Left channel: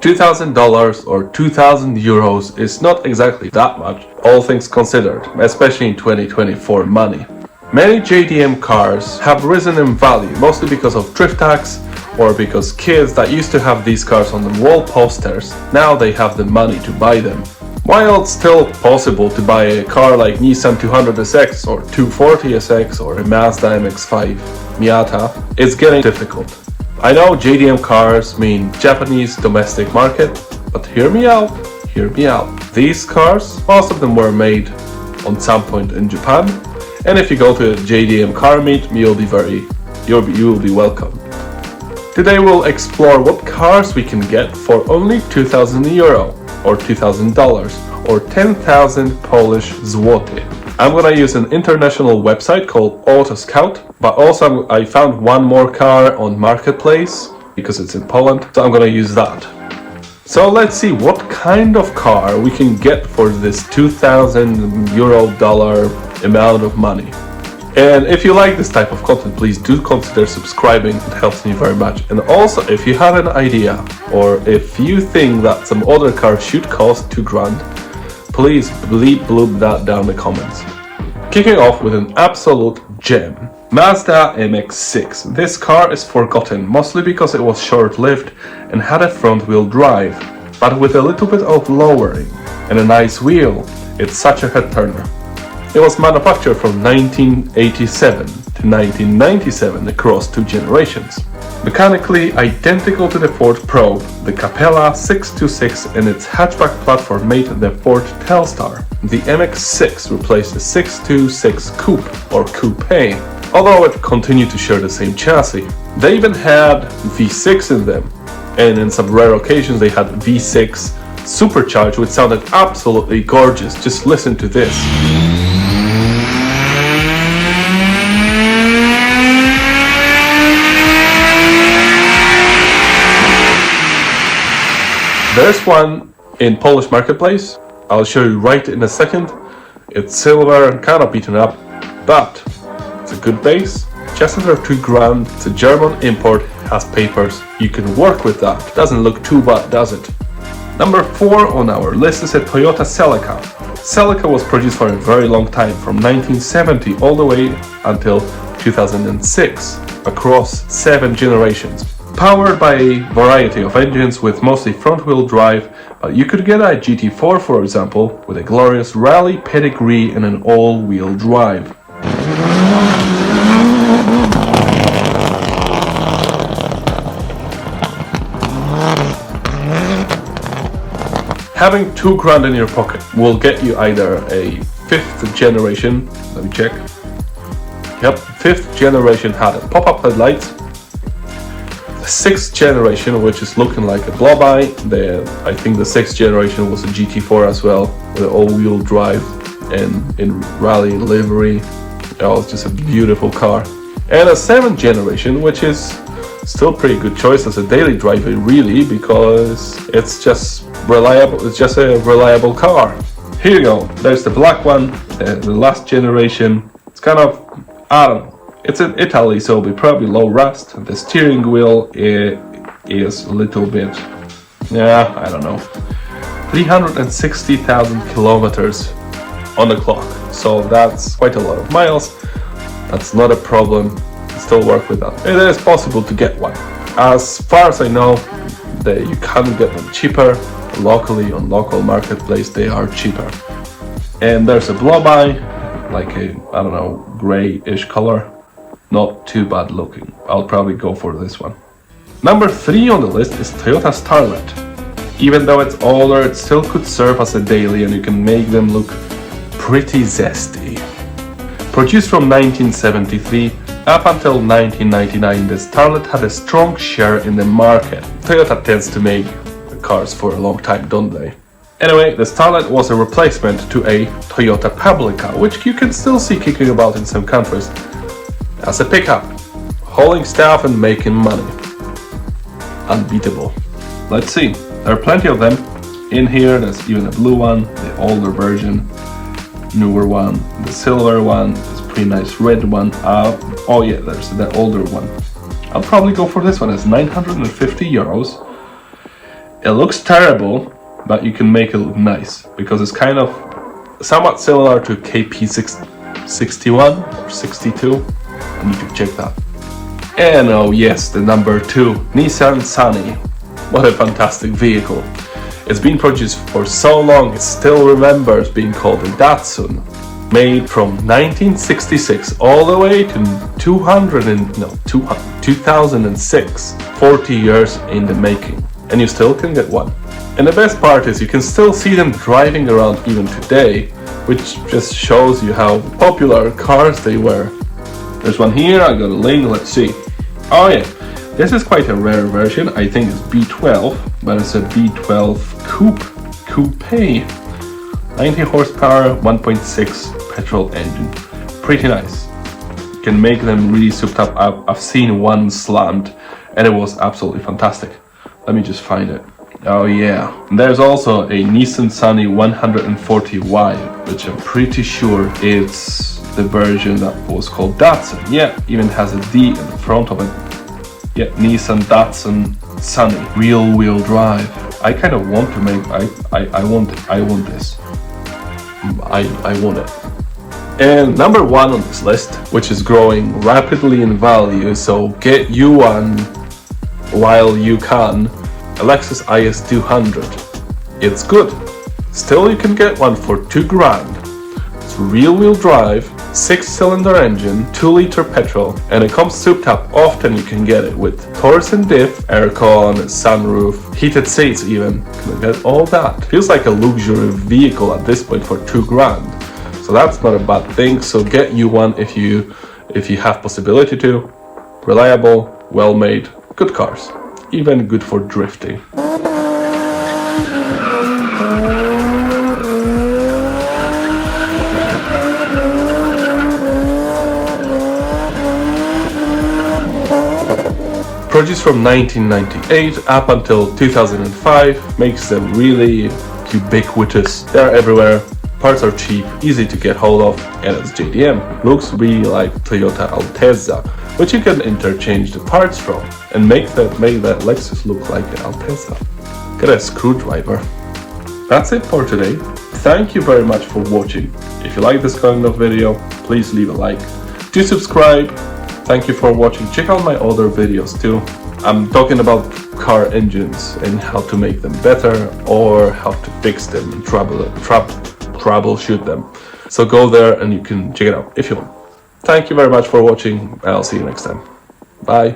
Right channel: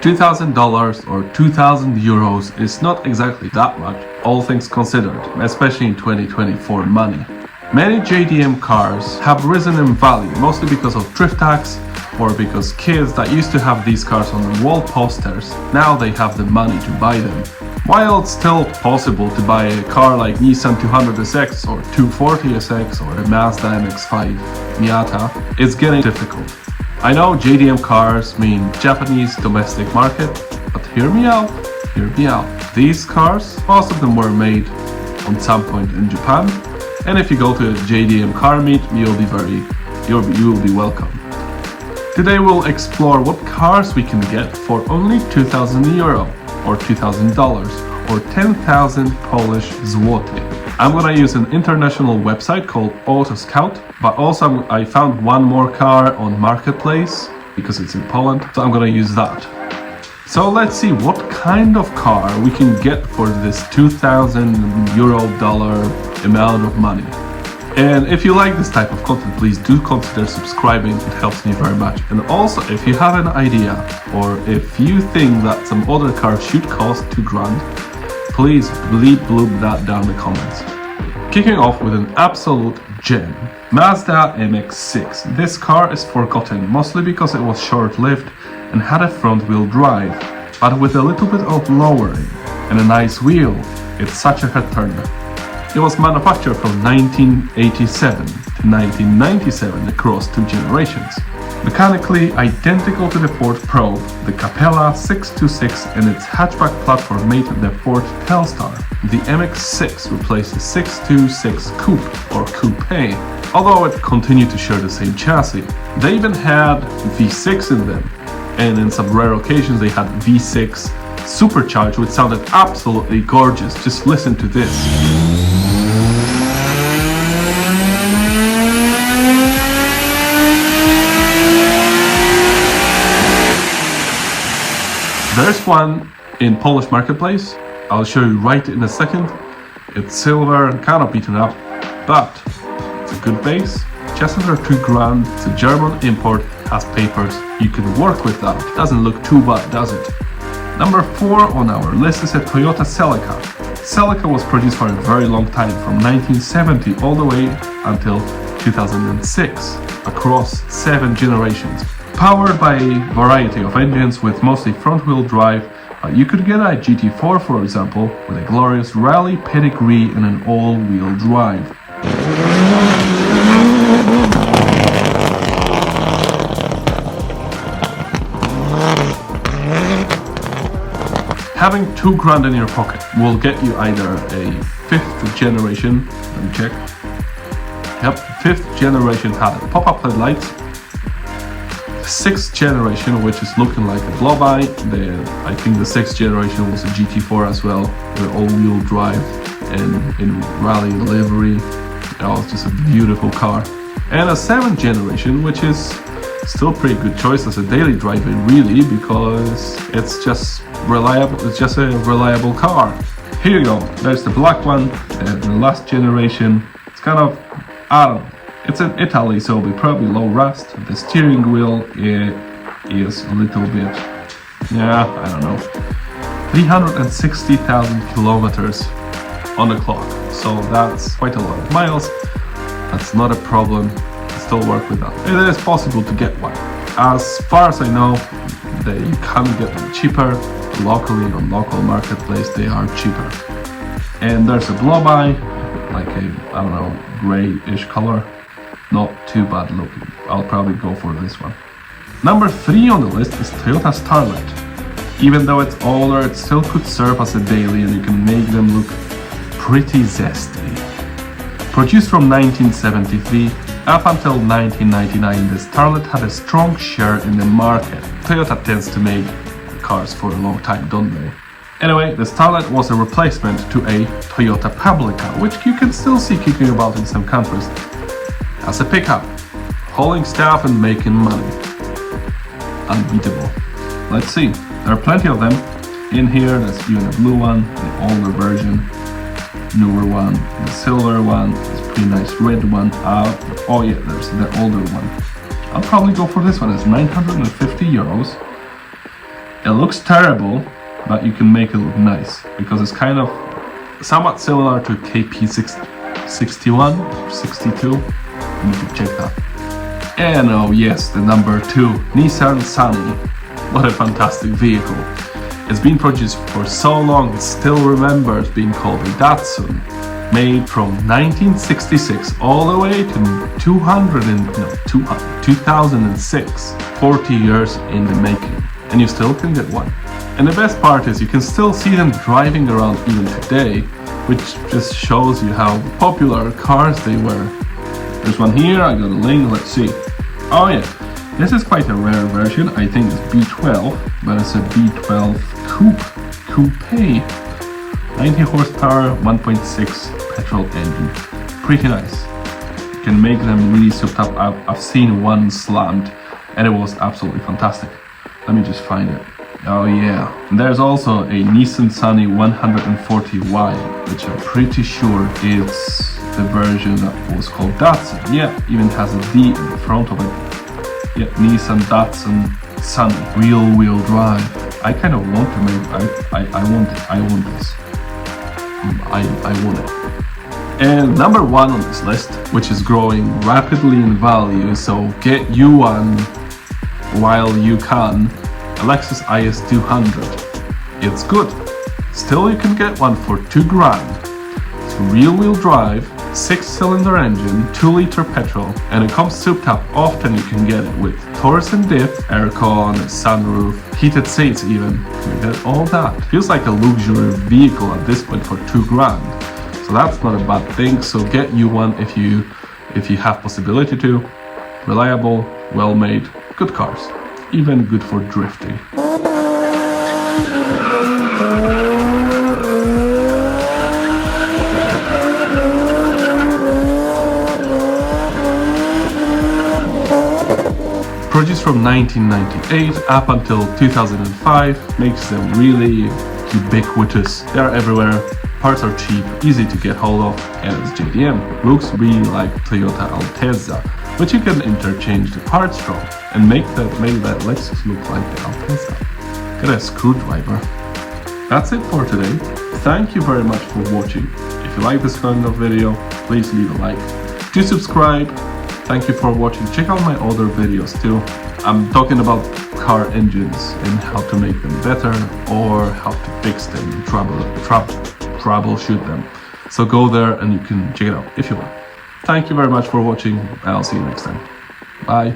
$2,000 or 2,000 euros is not exactly that much, all things considered, especially in 2024 money. Many JDM cars have risen in value, mostly because of drift tax or because kids that used to have these cars on the wall posters, now they have the money to buy them. While it's still possible to buy a car like Nissan 200SX or 240SX or a Mazda MX-5 Miata, it's getting difficult. I know JDM cars mean Japanese domestic market, but hear me out. These cars, most of them were made on some point in Japan, and if you go to a JDM car meet, you will be welcome. Today we'll explore what cars we can get for only 2,000 euro or $2,000 or 10,000 Polish zloty. I'm gonna use an international website called Auto Scout, but also I found one more car on Marketplace because it's in Poland, so I'm gonna use that. So let's see what kind of car we can get for this 2,000 euro dollar amount of money. And if you like this type of content, please do consider subscribing, it helps me very much. And also, if you have an idea or if you think that some other car should cost 2 grand, please bloop that down in the comments. Kicking off with an absolute gem, Mazda MX-6. This car is forgotten, mostly because it was short-lived and had a front-wheel drive, but with a little bit of lowering and a nice wheel, it's such a head-turner. It was manufactured from 1987 to 1997 across 2 generations. Mechanically identical to the Ford Probe, the Capella 626 and its hatchback platform made the Ford Telstar. The MX-6 replaced the 626 Coupe or Coupe, although it continued to share the same chassis. They even had V6 in them, and in some rare occasions they had V6 supercharged, which sounded absolutely gorgeous. Just listen to this. There's one in Polish Marketplace. I'll show you right in a second. It's silver and kind of beaten up, but it's a good base. Just under 2 grand. It's a German import, has papers. You can work with that. Doesn't look too bad, does it? Number 4 on our list is a Toyota Celica. Celica was produced for a very long time, from 1970 all the way until 2006, across 7 generations. Powered by a variety of engines with mostly front-wheel drive, you could get a GT4 for example, with a glorious rally pedigree and an all-wheel drive. Having 2 grand in your pocket will get you either a 5th generation, let me check. Yep, 5th generation had a pop-up headlights. 6th generation, which is looking like a blow-by. I think the 6th generation was a GT4 as well, with all-wheel drive and in rally livery. It was just a beautiful car. And a 7th generation, which is still pretty good choice as a daily driver, really, because it's just reliable. It's just a reliable car. Here you go. There's the black one, the last generation. It's kind of, I don't know. It's in Italy, so it'll be probably low rust. The steering wheel is a little bit, yeah, I don't know. 360,000 kilometers on the clock. So that's quite a lot of miles. That's not a problem. Still work with that. It is possible to get one. As far as I know, you can get them cheaper. Locally, on local marketplace, they are cheaper. And there's a blow-by, like a, I don't know, gray-ish color. Not too bad looking. I'll probably go for this one. Number 3 on the list is Toyota Starlet. Even though it's older, it still could serve as a daily and you can make them look pretty zesty. Produced from 1973 up until 1999, the Starlet had a strong share in the market. Toyota tends to make cars for a long time, don't they? Anyway, the Starlet was a replacement to a Toyota Publica, which you can still see kicking about in some countries. As a pickup, hauling stuff and making money. Unbeatable. Let's see, there are plenty of them. In here, there's even a blue one, the older version, newer one, the silver one, this pretty nice red one. Oh yeah, there's the older one. I'll probably go for this one. It's 950 euros. It looks terrible, but you can make it look nice because it's kind of somewhat similar to KP61 or 62. You need to check that. And oh yes, the number 2, Nissan Sunny. What a fantastic vehicle. It's been produced for so long it still remembers being called a Datsun. Made from 1966 all the way to 2006. 40 years in the making. And you still can get one. And the best part is you can still see them driving around even today, which just shows you how popular cars they were. There's one here, I got a link, let's see. Oh yeah, this is quite a rare version, I think it's B12, but it's a B12 Coupe. 90 horsepower, 1.6 petrol engine. Pretty nice. You can make them really souped up. I've seen one slammed and it was absolutely fantastic. Let me just find it. Oh yeah. There's also a Nissan Sunny 140Y, which I'm pretty sure is the version that was called Datsun. Yeah, even has a D at the front of it. Yeah, Nissan Datsun Sunny. Real wheel drive. I kind of want to make, I want this. I want it. And number 1 on this list, which is growing rapidly in value, so get you one while you can, a Lexus IS200. It's good. Still you can get one for $2,000. It's real wheel drive, 6-cylinder engine, 2-liter petrol, and it comes souped up. Often you can get it with Torsen diff, aircon, sunroof, heated seats even. You can get all that. Feels like a luxury vehicle at this point for $2,000. So that's not a bad thing. So get you one if you have possibility to. Reliable, well made, good cars. Even good for drifting. Produced from 1998 up until 2005, makes them really ubiquitous. They're everywhere, parts are cheap, easy to get hold of, and it's JDM. Looks really like Toyota Altezza, which you can interchange the parts from and make that Lexus look like the Altezza. Get a screwdriver. That's it for today. Thank you very much for watching. If you like this kind of video, please leave a like. Do subscribe. Thank you for watching. Check out my other videos too. I'm talking about car engines and how to make them better or how to fix them and troubleshoot them. So go there and you can check it out if you want. Thank you very much for watching and I'll see you next time. Bye.